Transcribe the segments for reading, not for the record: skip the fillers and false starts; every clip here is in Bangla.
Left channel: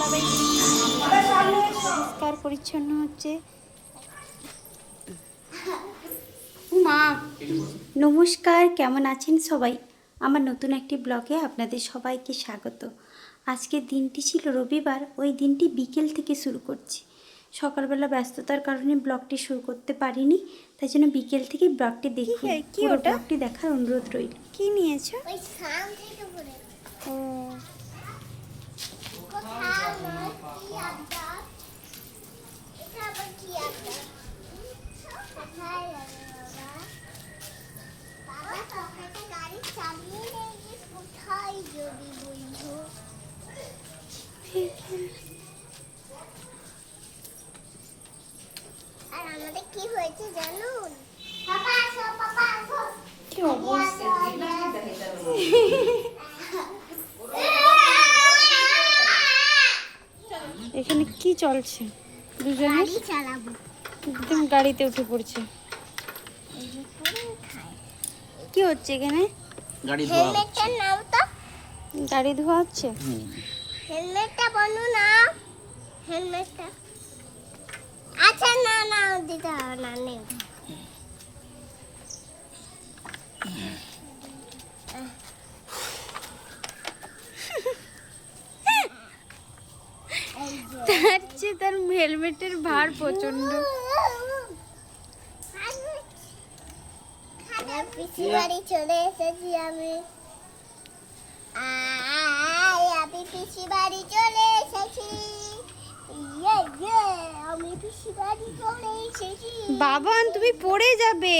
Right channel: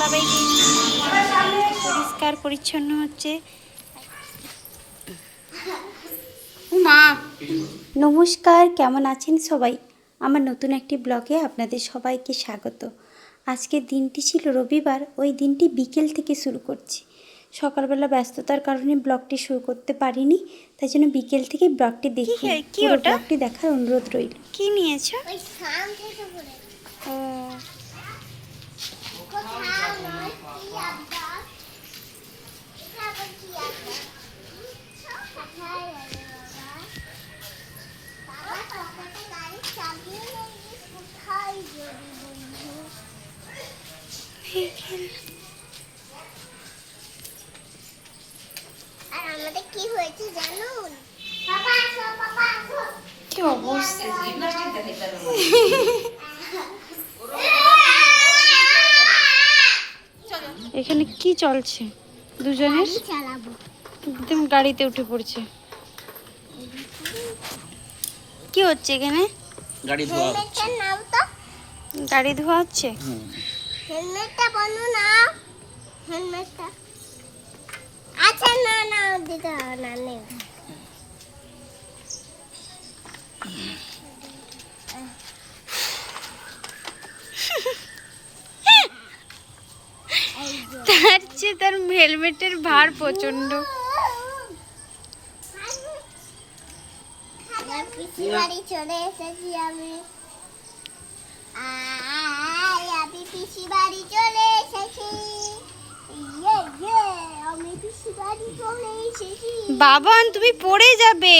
বাবাই পরিষ্কার পরিচ্ছন্ন হচ্ছে। মা নমস্কার, কেমন আছেন সবাই? আমার নতুন একটি ব্লগে আপনাদের সবাইকে স্বাগত। আজকের দিনটি ছিল রবিবার, ওই দিনটি বিকেল থেকে শুরু করছি। সকালবেলা ব্যস্ততার কারণে ব্লগটি শুরু করতে পারিনি, তাই জন্য বিকেল থেকে ব্লগটি দেখি। পুরো ব্লগটি দেখার অনুরোধ রইল। কি নিয়েছো? ও কি হয়েছে জানুন? কি অবস্থা! এখানে কি চলছে? দুজনের একদম গাড়িতে উঠে পড়ছে। কি হচ্ছে এখানে? গাড়ি ধোয়া হচ্ছে। নাও তো, গাড়ি ধোয়া হচ্ছে। হেলমেটটা বন্ধু না, হেলমেটটা। আচ্ছা না না দিতে হবে না, নেই। তার চেয়ে তার হেলমেটের ভার প্রচন্ড। পিসি বাড়ি চলে এসেছি আমি। আমি পিসি বাড়ি চলে এসেছি। আমি পিসি বাড়ি চলে এসেছি। বাবান, তুমি পড়ে যাবে।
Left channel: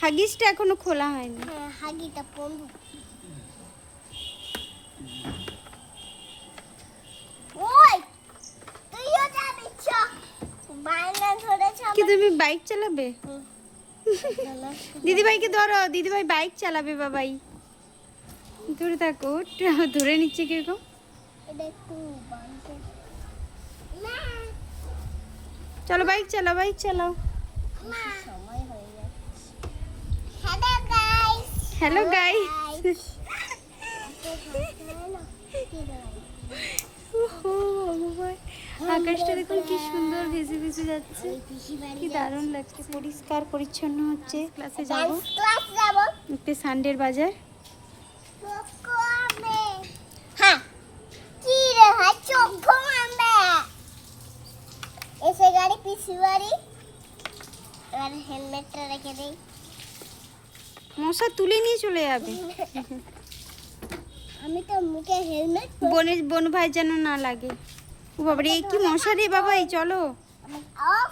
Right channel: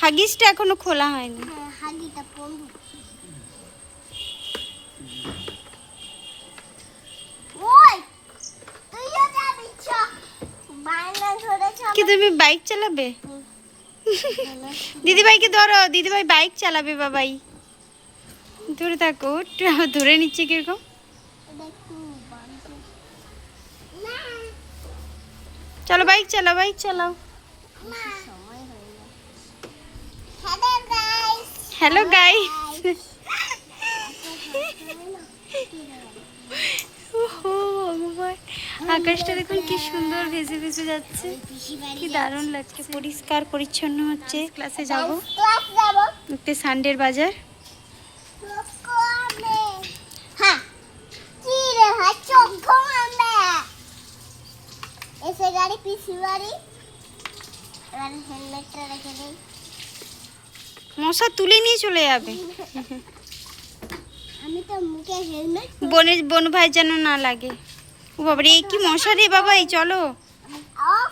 হাগিসটা এখনো খোলা হয়নি। হ্যাঁ, হাগিটা পড়বো। ওই তুইও যাবি? বাইনা ধরেছ কি তুমি বাইক চালাবে? দিদিভাইকে ধরো, দিদিভাই বাইক চালাবে। বাবাই ধরে থাকো। ধরে নিচ্ছে কিরকম। চলো বাইক চালাও, বাইক চালাও। Hello guys. আকাশটা দেখুন কি সুন্দর ভেসে ভেসে যাচ্ছে, কি দারুণ লাগছে। পরিষ্কার পরিচ্ছন্ন হচ্ছে। ক্লাসে যাব, একটু সানডের বাজার। হ্যাঁ, কি রে ভাই, চোখ ঘুমাবে। এসে গাড়ি পিসি বাড়ি। এবার হেলমেটটা রেখে দেই। মশা তুলে নিয়ে চলে যাবে। আমি তো মুখে হেলমেট। বনু ভাই যেন না লাগে। ও বাবারে, এই কি মশা রে বাবা! এই চলো।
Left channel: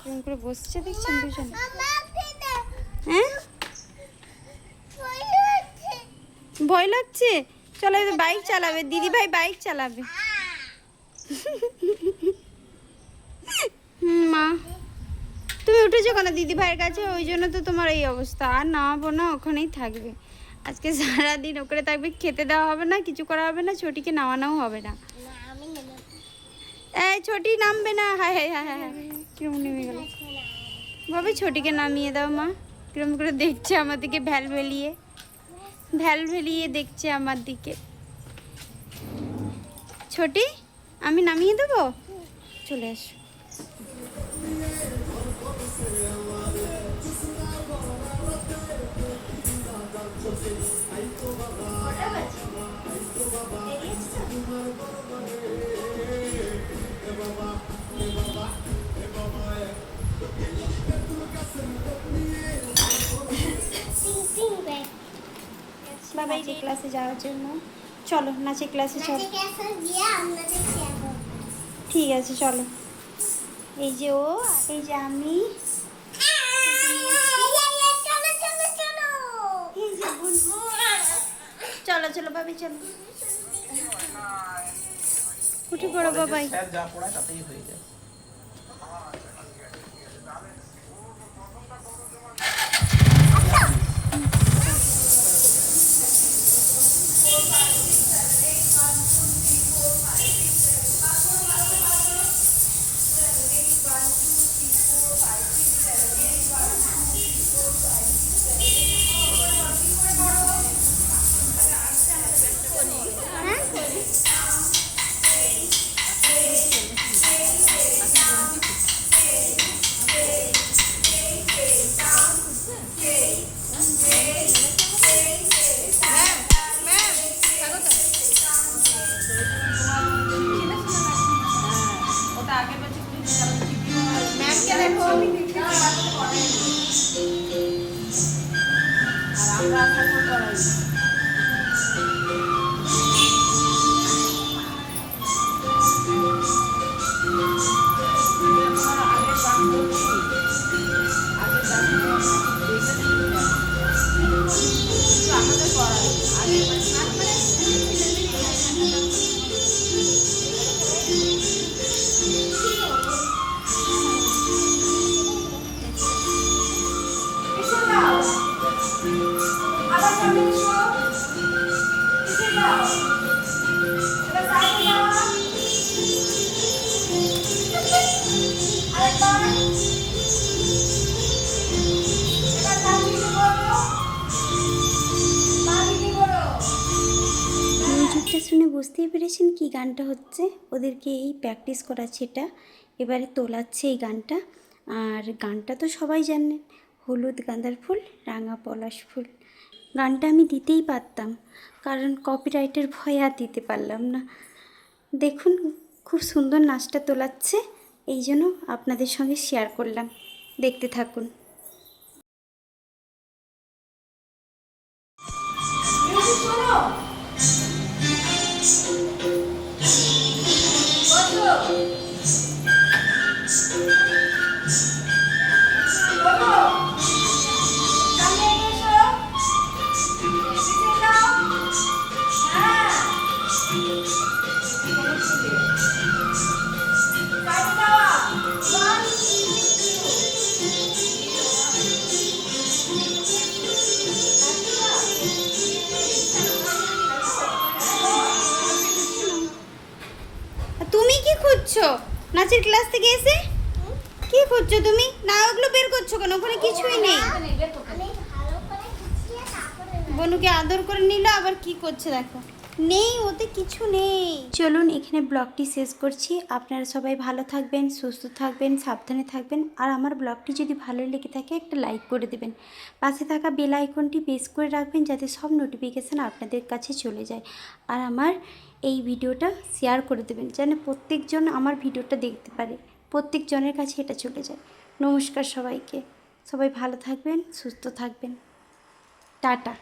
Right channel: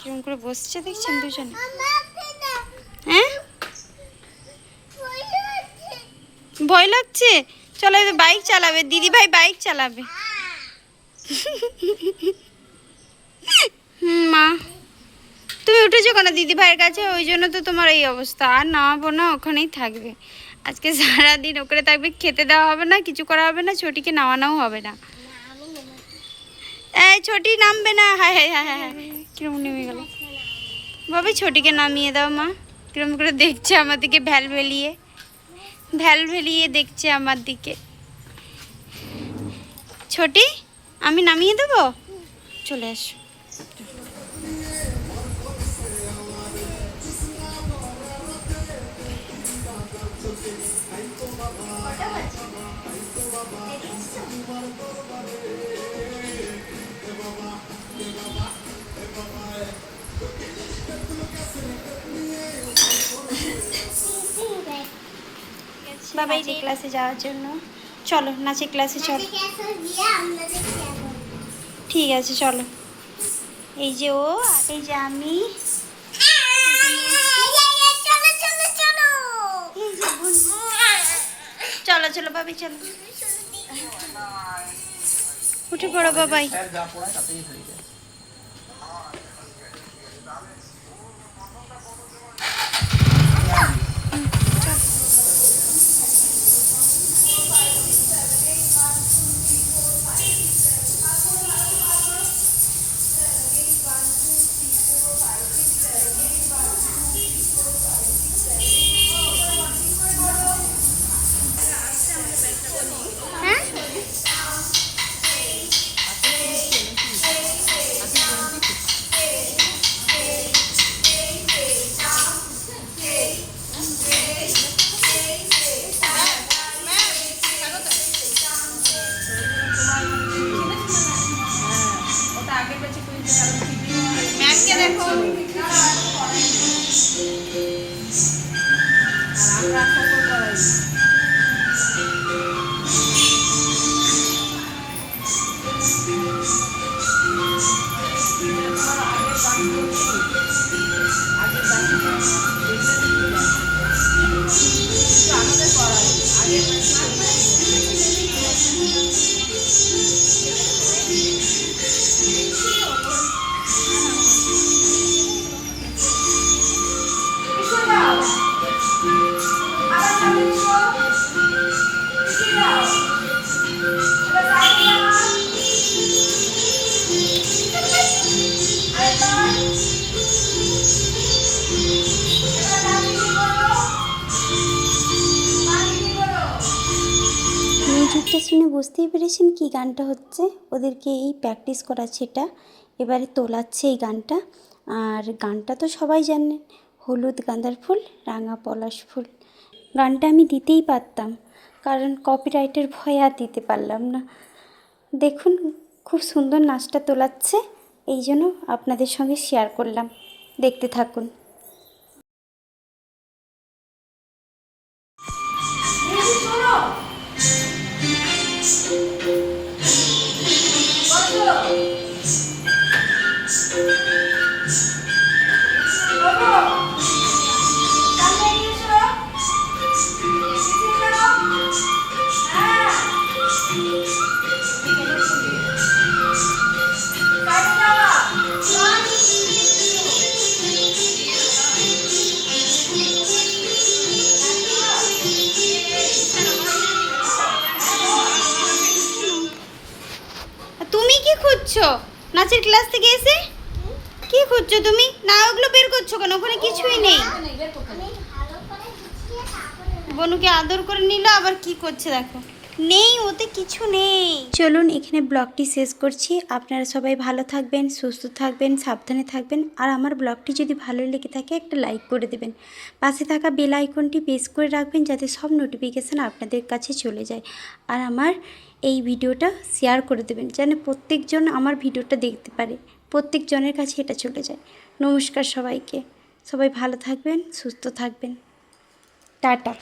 কেমন করে বসছে দেখছেন দুজনে? হ্যাঁ, ভয় লাগছে। চলো এবার বাইক চালাবে, দিদি ভাই বাইক চালাবে। মা, তুমি উঠেছো কেন দিদি ভাইয়ের কাছে? ওই জন্য তো তোমার এই অবস্থা। আর নামাবো না, ওখানেই থাকবে আজকে সারাদিন। ওখানে থাকবে, খেতে দেওয়া হবে না, কিছু করা হবে না, ছোটিকে নামানোও হবে না। এই ছোটি নামবে না। হ্যাঁ হ্যাঁ হ্যাঁ হ্যাঁ, কিরম নেমে গেল বাবা। ছোটিকে নামিয়ে দাও মা। কিরম করে দেখছে আমার দিকে, ভ্যাল ভেলিয়ে দেখছে আমার দিকে। ছোটি, আমি নামিয়ে দেবো, চলে আসো। বাবা এই ক্লাসে যাওয়ার জন্য। চলো নাচে ক্লাসে চলো। ঠিক আছে চলো। এই যে ও, এই যে আমি। চলো চলো বাবাই, চলো উঠে পড়ো বাবাই। মিউজিকটা শুনে বুঝতেই পেরেছেন কি গানটা হচ্ছে। ওদেরকে এই প্র্যাকটিস করাচ্ছে, এটা এবারে তোলাচ্ছে এই গানটা। আর গানটা তো সবাই জানেন, হলুদ গাঁদার ফুল রাঙা পলাশ ফুল। গানটা আমি দিতেই পারতাম, কারণ কপিরাইটের ভয়ে আর দিতে পারলাম না। দেখুন খুব সুন্দর নাচটা তোলাচ্ছে, এই জন্য আপনাদের সঙ্গে শেয়ার করলাম। দেখতে থাকুন। তুমি কি খুঁজছো নাচের ক্লাস থেকে এসে? কি খুঁজছো তুমি? না ওগুলো বের করছো কেন? ওখানে কিছুই নেই। আমি ভালো করে গুছিয়ে তারপরে বনুকে আদর করে নিল, আবার কি করছে দেখো। নেই, ওতে কিছু নেই। চলুন এখানে ব্লগটি শেষ করছি। আপনারা সবাই ভালো থাকবেন, সুস্থ থাকবেন, সাবধানে থাকবেন। আর আমার ব্লগটি যদি ভালো লেগে থাকে একটা লাইক করে দেবেন। পাশে থাকা বেল আইকনটি প্রেস করে রাখবেন, যাতে সব নোটিফিকেশান আপনাদের কাছে চলে যায়। আর আমার এই ভিডিওটা শেয়ার করে দেবেন, যেন প্রত্যেকজন আমার ভিডিওটা দেখতে পারে, প্রত্যেকজনের কাছে এটা চলে যায়। নমস্কার সবাইকে। সবাই ভালো থাকবেন, সুস্থ থাকবেন। টাটা।